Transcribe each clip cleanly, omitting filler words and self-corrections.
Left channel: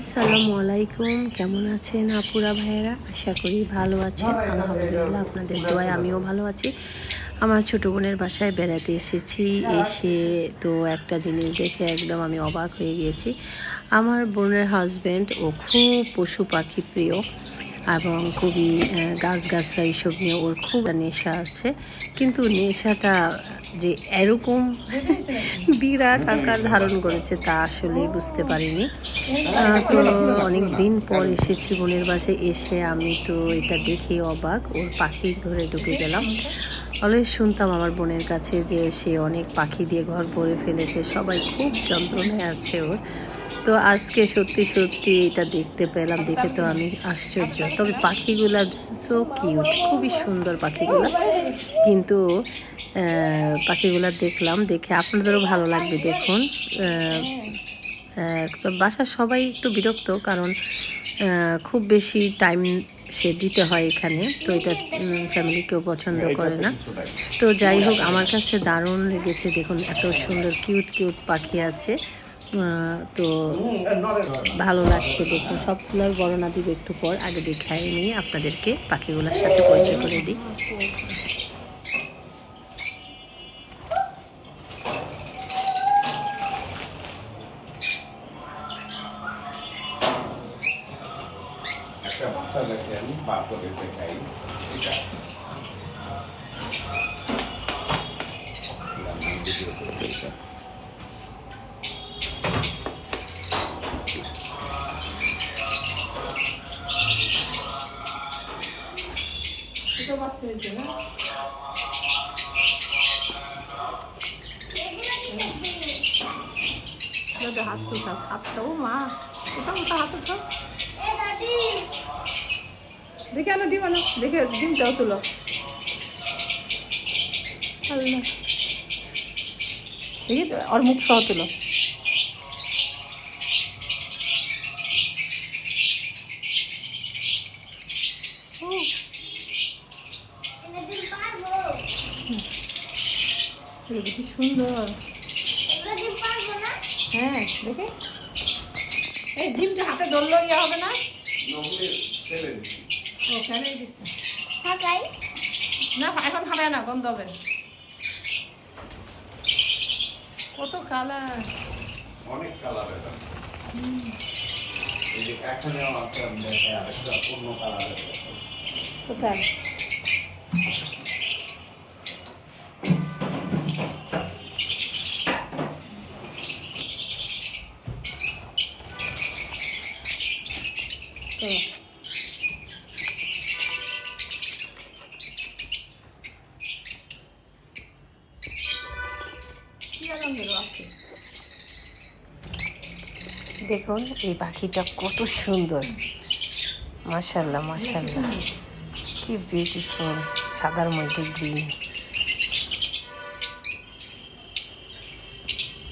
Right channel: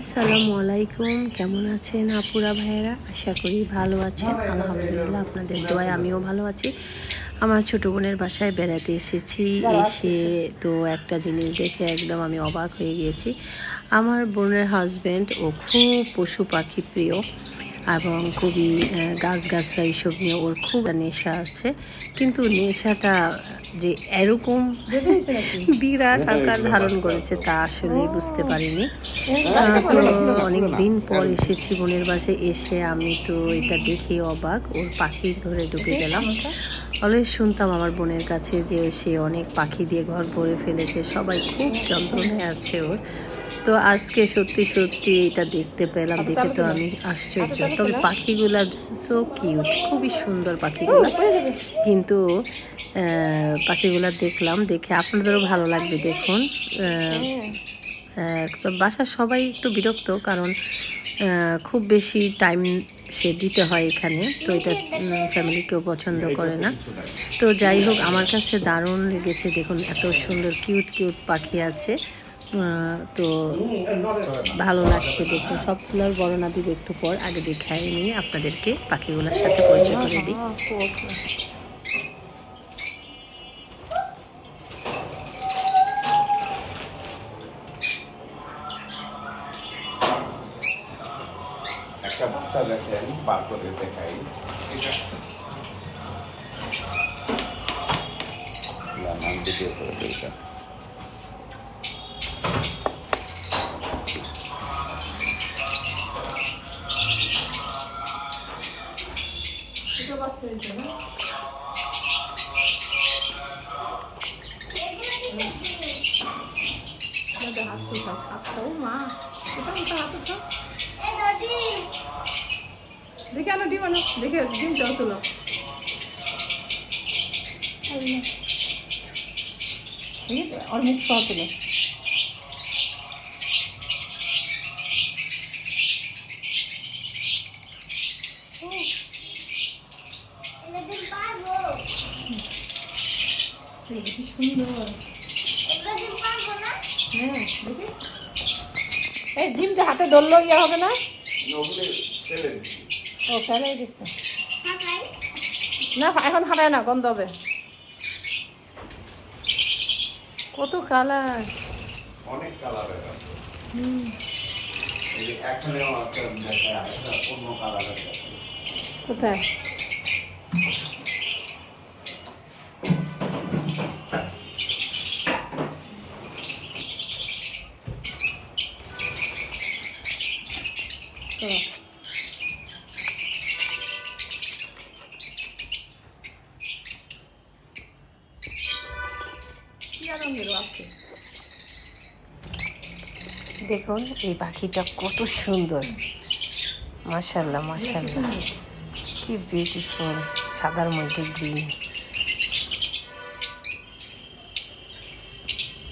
আসসালামু আলাইকুম, কেমন আছেন আপুরা ভাইয়েরা? আশা করি ভালো আছেন। আলহামদুলিল্লাহ, আপনাদের দোয়ায় আমিও ভালো আছি। আমার ছোটো বোনের বাসায় বেড়াতে এসেছি। এসে তো একটা জিনিস দেখে একদম আমি অবাক হয়ে গিয়েছি। আমার বোনের হাজব্যান্ড ও খুব পশু পাখি প্রিয় এবং খুবই গাছগাছরা এইসব নিয়ে ওর খুব নেশা আছে। কিন্তু নেশাটা যে এরকম বিরাট আকার ধারণ করেছে তা আসলে বুঝতে পারিনি। তো অনেক দিন পর এসেছি বোনের বাসায়। এসে আমি তো এটা দেখে অবাক, ওর পাখি ধরে ঢুকে গেলাম। অলওয়েজ শুনতাম আমার বোনের কাছে যে সে অনেক পাখি দিয়ে ঘর ভরে ফেলেছে, সবাই খুব যন্ত্রণায় আছে ওর। তো আজকে সত্যি সত্যি এটা দেখতে পেলাম, দেখে তো আমি আশ্চর্য। তবে পাখিগুলা সো কিউট, খুবই সুন্দর পাখিগুলা। কিন্তু পাখিগুলা দেখলাম, দেখে আপনাদেরও ভালো লাগবে। দেখুন, তো বাসার সবাই একটু বিরক্ত, কারণ খুব বেশি টাইম সে দিতে হয় এখানে, তো এটা ফ্যামিলি কেউ পছন্দ করে না। তো যাই হোক, আমার কাছে দারুণ লেগেছে। দেখুন, এত সুন্দর কিউট কিউট পাখি আছে। তো ভালো লাগছে। দেখুন, সবগুলোর বর্ণনা দিব একটু পর, আগে দেখাই নিয়ে আপনাদেরকে পাখিগুলোর সাথে পরিচয় করে দিই। একটা ভাষা লেখলেন বার করে দেখাই, আমি ভিডিও করেছি এটা। দেখে আনো ডিম, আনো দেখে ডিম চাও তুলো। আর মুখ সহ তুলো। কি সুন্দর। হ্যাঁ, দেখে এই ডিমটা হাতে ধরলো ইয়ে হবে না? ও ফেলে দিচ্ছে না, এখন হারায় না, গন্ধ হবে। কত কালার, অনেক কালার, এখানে অন্য কালার। কোথায়? দেখুন এই পাখিটা কত সুন্দর, মাশাআল্লাহ মাশাআল্লাহ, কি বিউটিফুল, সাদার মধ্যে গ্রিন।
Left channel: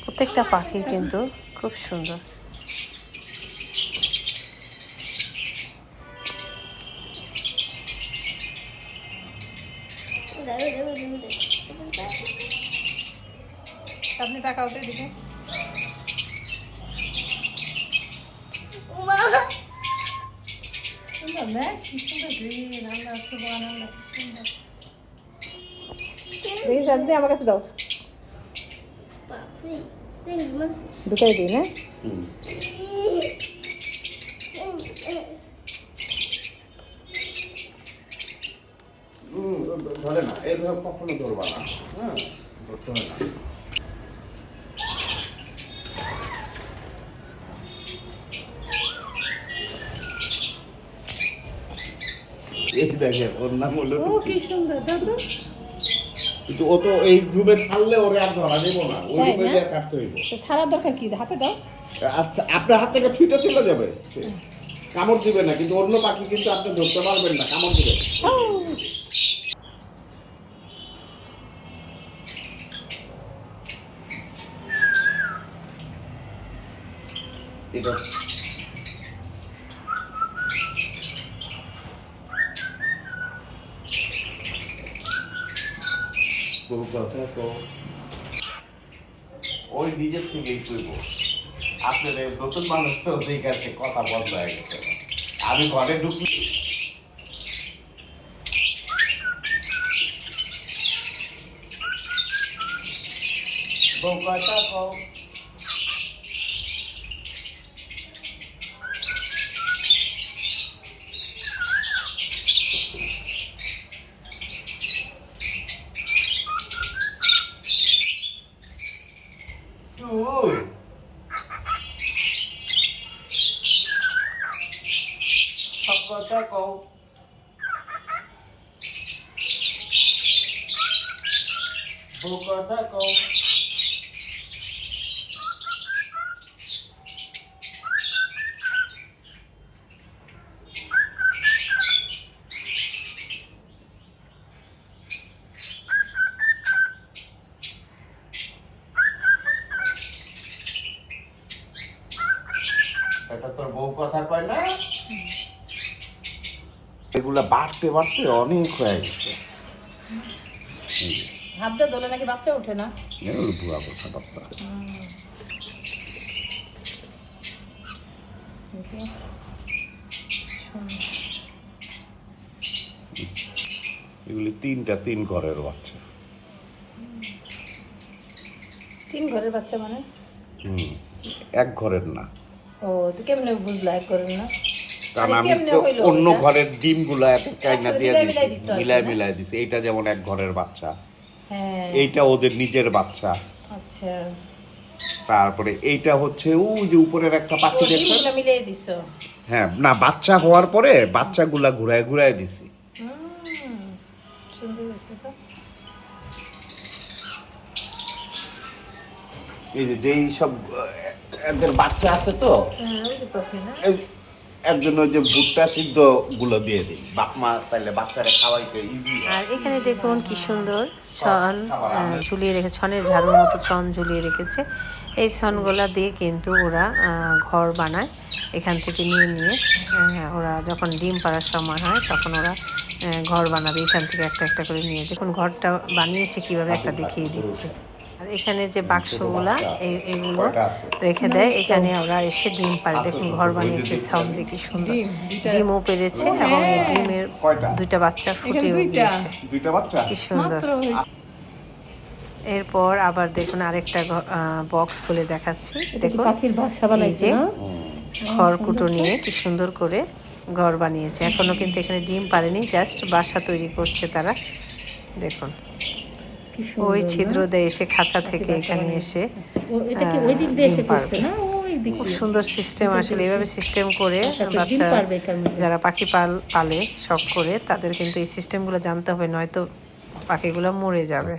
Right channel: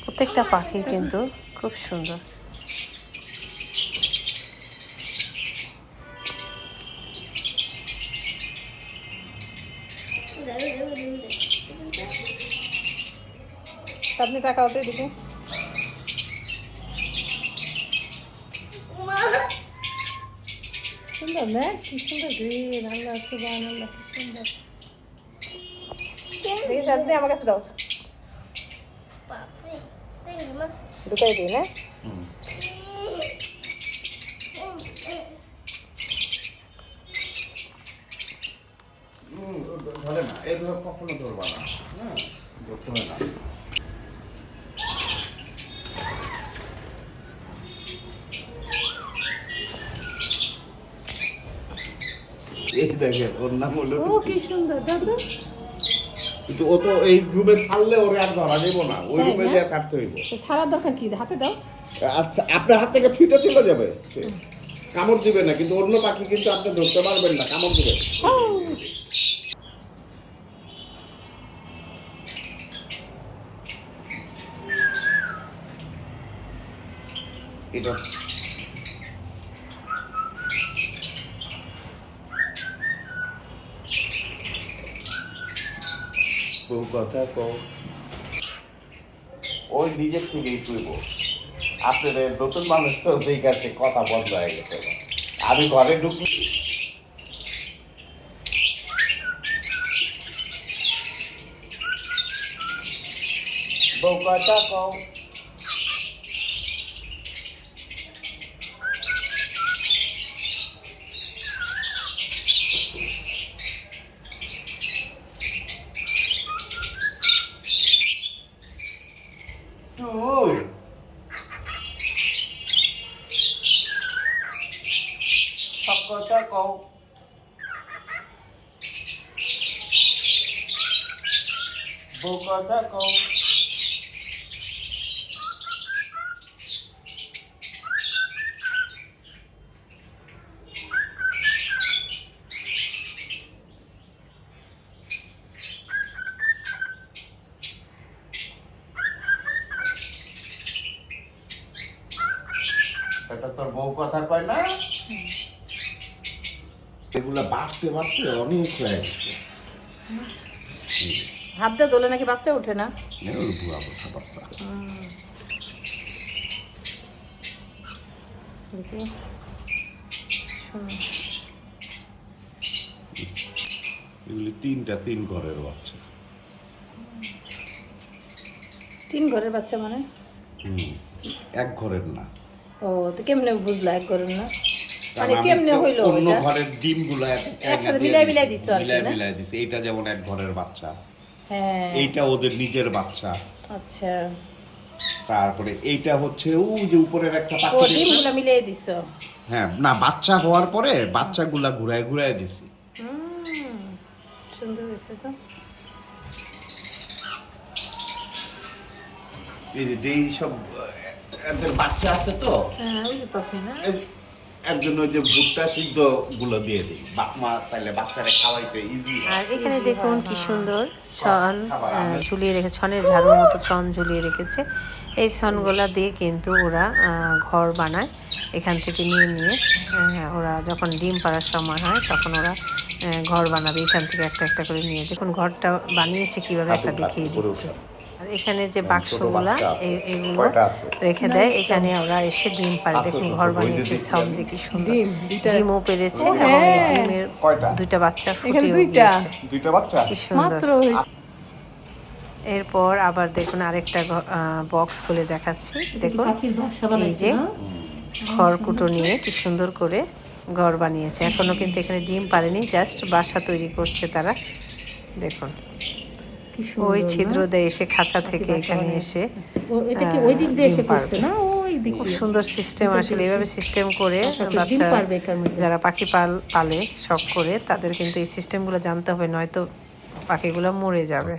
প্রত্যেকটা পাখি কিন্তু খুব সুন্দর। আপনি টাকা হতে দেখুন। সুন্দর না, কি সুন্দর গ্রিন। আল্লাহ সুবহানাল্লাহ, কি সুন্দর। এই সাথে আমার কাছে দাও, ঢুকাই দিই। হ্যাঁ, ধরে না, এইভাবে কখনো ধরবা না, হ্যাঁ, ধরতে হয় না। এই দেখেন, ওর নাম হলো ও কি সুন্দর। দাদা কিন্তু ও তো এই রুমে ছাড়লে ওরে আর ধরা যাবো না, ওই রুমে দিয়ে কাটতে হইব। ছাড়ার দরকার কি, হাতে দাও। আচ্ছা, আপনার হাত থেকে ছুটে চলে যাবে, কামড় দিবে না, কিন্তু অন্য পাখি কিন্তু আপনি ধরতে পারবেন না, কামড় দিবে। এটা কথা কও, ওই নিজের থেকে আসলে নতুন মানুষ তো যেই কাছে কথা বন্ধ হয়ে গেছে। আমি ঘরে ঢুকি বউ কথা কও। টুল সব কথা কও। বউ কথা কও। এটা তোর বউ কথা কয় না? এগুলা বাড়তে বাড়তে অনেক হয়ে গেছে। হাতটা দোলে নাকি বাচ্চা ওঠে না? বুড়া কথা বার্তা। এগুলি তিন ঘরের বাচ্চা। 3 ঘরের বাচ্চা মানে? এক ঘরের না, ও তো কেমনে বুঝলা এক ঘরের না? কারণ আরে আমি কেমনে তো হইলো অন্য এটা? ঘরের ডিমগুলা এত চাইনা দিয়ে মিলাই দিছি, দিছো আর কি, মিলাই না? মিলাই দিছি। এইটা যেমন এক ঘরের বাচ্চা, হ্যাঁ এইটা ওদের নিজের বাচ্চা। আচ্ছা, তারপরে এইটা হচ্ছে ওই যে উপরের একটা ও পাখি দেখছেন? ডিমগুলো মিলিয়ে দিছো? হ্যাঁ, না বাচ্চা হওয়ার পরে বাচ্চাগুলা ঘুরায় ঘুরায় দিছি। সুন্দর হয়েছে তো। এই যে যেই সব এদের বাচ্চা আছে তো, ওই যে কফি না? এর জন্য যে ভুট্টা সিদ্ধ গুলো দিয়ে দিই, বাপ মা তাইলে বাচ্চারা খাওয়াইতে ইজি। আর এখানে দেখুন কি সুন্দর ছন ঝুলিয়ে রেখে, ছনের ঝাড়ুর মতো ছন ঝুলিয়ে রেখেছে। এই ছনগুলা দিয়ে কিন্তু ওরা ঘর বানায়। এখান থেকে নিয়ে নিয়ে ওরা যখন ডিম পাড়ার সময় হয় তখন ওরা ঘর বানাবে। এখান থেকে একটা একটা করে নিয়ে, দেখুন ঘরটা বানিয়েছে কিভাবে একটা দেখিয়ে দিচ্ছে। আর এখানে যে বাক্সগুলা এগুলো রেখে দেয়, এখানে ওরা এসে ডিম পারে। দেখুন ঘর বানিয়েছে ছন দিয়ে কি সুন্দর। ডিমও পেরেছে এবং এই ডিমের 2টা বাচ্চা ফুটেও গিয়েছে। দুইটা বাচ্চা কি সুন্দর। এরপর আবার দেখুন আরেকটা বক্স খুলে দেখাচ্ছি। দেখুন এই যে খড়কুটো নিয়ে কি সুন্দর করে ঘর বানিয়েছে। এখনো কিন্তু এখানে ডিম পারেনি, জাস্ট বাসা তৈরি করছে তারা। দেখুন ওই ছিদ্র দেয় এসে খাঁচা থেকে এখানে এসে ডিম পারবে। খুব সুন্দর সিস্টেম আসলে। এইভাবে সিস্টেম করে বাচ্চা যারা পাখি পালে শখ করে, তাদের কিন্তু এই সিস্টেমগুলো জানতে হবে, নয়তো পাখিগুলো মরে যাবে।